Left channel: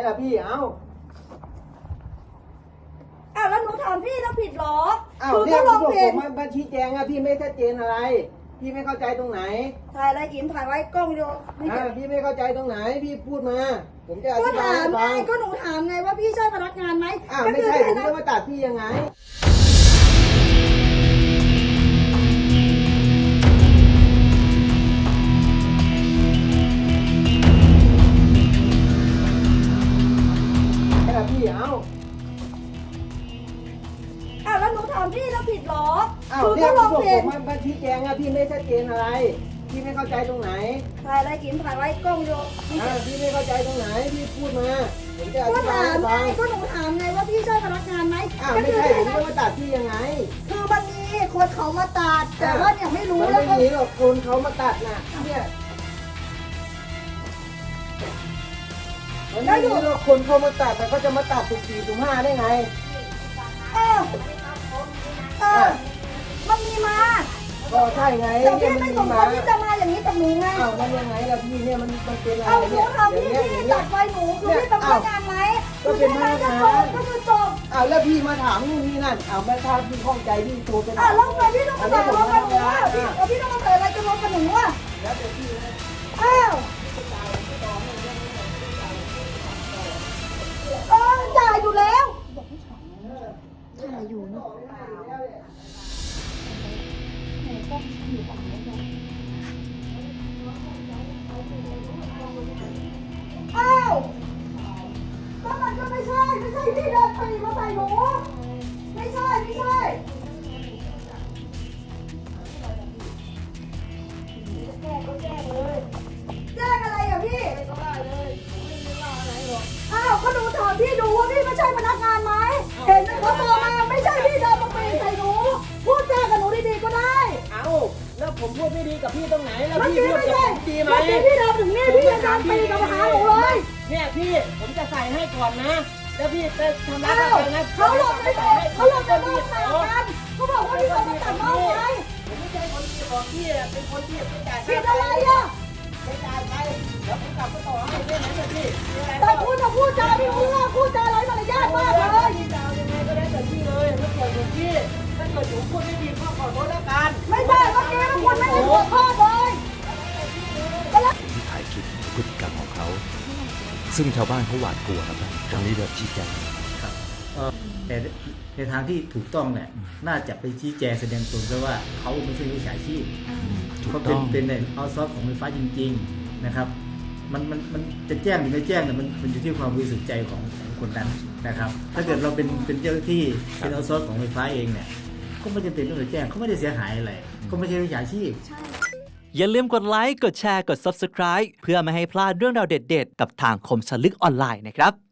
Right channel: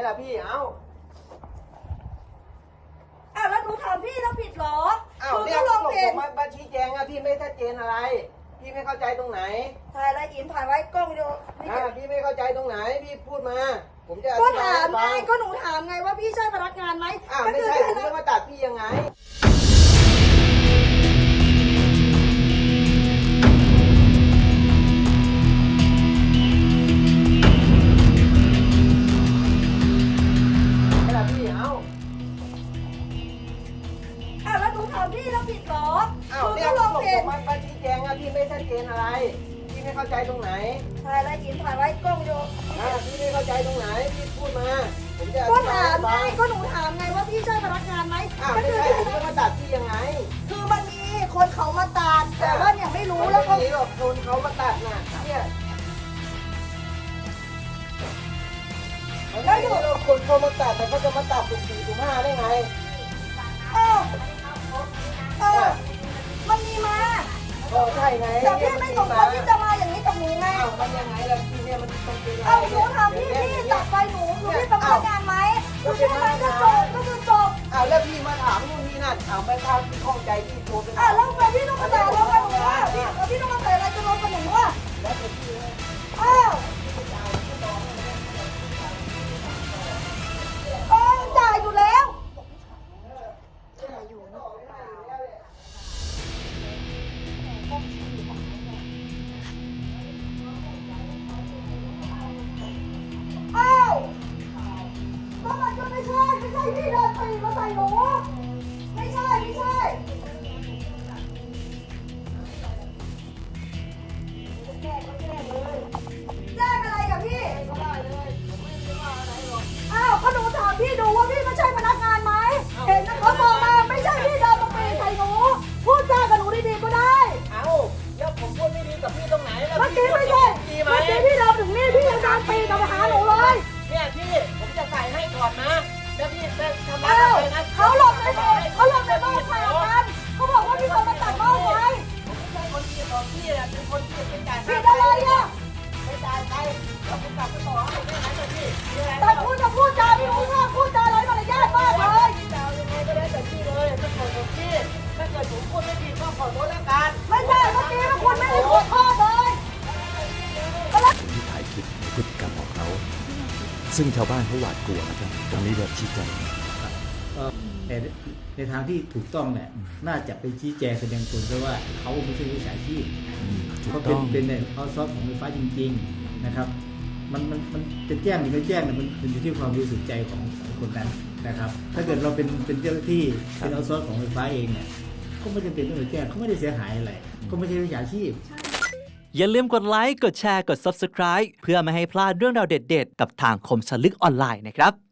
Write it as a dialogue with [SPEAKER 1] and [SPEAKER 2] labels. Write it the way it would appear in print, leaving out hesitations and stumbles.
[SPEAKER 1] ล่ะพี่
[SPEAKER 2] แล้วหนูถามพี่ต้องผิดหรอ
[SPEAKER 1] เรียกผมมาชี้แจงพี่ไม่ชัดเจนอะไรพี่ไม่เข้าใจตรงไหน
[SPEAKER 2] ถ่ายอะไรอินถ่ายไว้กล้องวิดีโอ
[SPEAKER 1] พี่ไม่เข้าใจตรงไหนพี่พูดมาผมจะอ
[SPEAKER 2] ก็
[SPEAKER 1] ธิบาย
[SPEAKER 2] ถาม
[SPEAKER 1] ให้
[SPEAKER 2] ไง
[SPEAKER 1] ฟัง
[SPEAKER 2] ก็หนูถามไงว่าพี่ใช่พนักงานไหม
[SPEAKER 1] ไม่ใช่ผมจะมาตัดพี่ยังไง
[SPEAKER 2] แล้วหนูถามพี่ต้องผิดหรอ
[SPEAKER 1] เรียกผมมาชี้แจงพี่ไม่ชัดเจนอะไรพี่ไม่เข้าใจตรงไหน
[SPEAKER 2] ถ่ายอะไรอินถ่ายไว้กล้องวิดีโอ
[SPEAKER 1] พี่ไม่เข้าใจตรงไหนพี่พูดมาผมจะอ
[SPEAKER 2] ก็
[SPEAKER 1] ธิบายให้
[SPEAKER 2] ถามไง
[SPEAKER 1] ฟัง
[SPEAKER 2] ก็หนูถามไงว่าพี่ใช่พนักงานไหม
[SPEAKER 1] ไม่ใช่ผมจะมาตัดพี่ยังไง
[SPEAKER 2] คือเมื่อกี้คนเขามาตัดแต่ว่าเนี่ยไม่รู้นะ
[SPEAKER 1] ไม่มีหรอกคนเขามาตัดเนี่ยมันไม่มีหรอกคนเขามาตัดเขาจะมาตัด14-15ได้ไง
[SPEAKER 2] มันมีมา
[SPEAKER 1] ใช่ไง
[SPEAKER 2] แต่พี่ไม่สมควรที่จะมาอย่างนี้กับหนูไง
[SPEAKER 1] มันยังไงล่ะพี่เนี่ยมันเป็นอะไร
[SPEAKER 2] หนูทำพี่จัดไปหนูพี่เป็นพนักงานไหม
[SPEAKER 1] ก็เป็นพนักงาน
[SPEAKER 2] ก็คือจบ
[SPEAKER 1] แล้วพี่มาถามนู่นนี่นั่นไม่ถ้าพี่ข้องใจพี่โทรไป
[SPEAKER 2] แล้วทำไมพี่ต้องมาจ่ายรถกับหนูพี่ต้องมาเกิดอะไรจะรถกับหนูจ่ายอยู่แล้วจ่ายอยู่นะแล้วมันก็ไม่ใช่ที่เดินไปมาใส่หนูไม่ใช่แจ้งอะไรอ่ะพี่ก็หนูถามพี่ดูว่าพี่ไม่ใช่พนักงานไหมเห็นเขาบอกมาไม่ใช่พี่เดินมาใส่หนูพูดจากับหนูดีๆก็ได้
[SPEAKER 1] แล้วผมพูดไม่ดีกับพี่ตรงไหนแล้วพี่
[SPEAKER 2] ไม่ใช่พี่เดินถึงเนี่ยพี่ยังตามปีกับหาหนูเลย
[SPEAKER 1] เนี่ยพี่ผมจะใส่ให้ก่อนนะแล้วพี่ไปทำร้ายกันนะ
[SPEAKER 2] เขาหลบในบ้านเขากันเขาบอกว่าพี่คนมาตัดหม้อไฟ
[SPEAKER 1] ผมไม่ใช่คนที่บอกพี่เป็นคนที่เป็นจ่าย
[SPEAKER 2] พี่อะไร
[SPEAKER 1] ไม่จ่ายไปเดี๋ยวผมกลับมาต่อให้ได้ไหมพี่
[SPEAKER 2] แต่คุณจะพูดจาไม่รู้เรื่องพูดจาไร้มารยาทมากเลย
[SPEAKER 1] พี่จะเอายังไงก็ได้แต่พี่เลยถ้าเกิดผมพี่ถ้าเกิดผมพูดไม่ดีก็ขอโทษแล้วกัน
[SPEAKER 2] ไม่ใช่เมื่อกี้ทุกคนไม่ได้ขอโทษเลย
[SPEAKER 3] คนที่ถ่ายคลิปในพฤติกรรมของเขาซึ่งชาวบ้านเขาหวาดกลัวครับตรงนี้แบบชี้แจง
[SPEAKER 4] ครับแต่ในทางที่ถูกต้องเนี่ยน่าจะไปชี้แจงแสดงตนซะว่าเขาไม่ใช่วิชาชีพเขาเป็นในเอาซอฟของไฟฟ้าจริงๆนะครับมันจะแจ้งหรือไม่แจ้งเนี่ยมันอยู่ที่ความบริสุทธิ์ใจของคนนั้นนะครับถ้าเกิดเราเป็นเจ้าหน้าที่เป็นเอาซอฟของไฟฟ้าเองเนี่ยก็ไม่จำเป็นต้องไปแจ้งเขาไม่ได้เสียหายอะไรก็ไม่ใช่วิชาชีพ
[SPEAKER 5] อย่าลืมกดไลค์ กดแชร์ กด Subscribe เพื่อไม่ให้พลาดเรื่องราวเด็ดๆ กับทางคมสนลึกออนไลน์นะครับ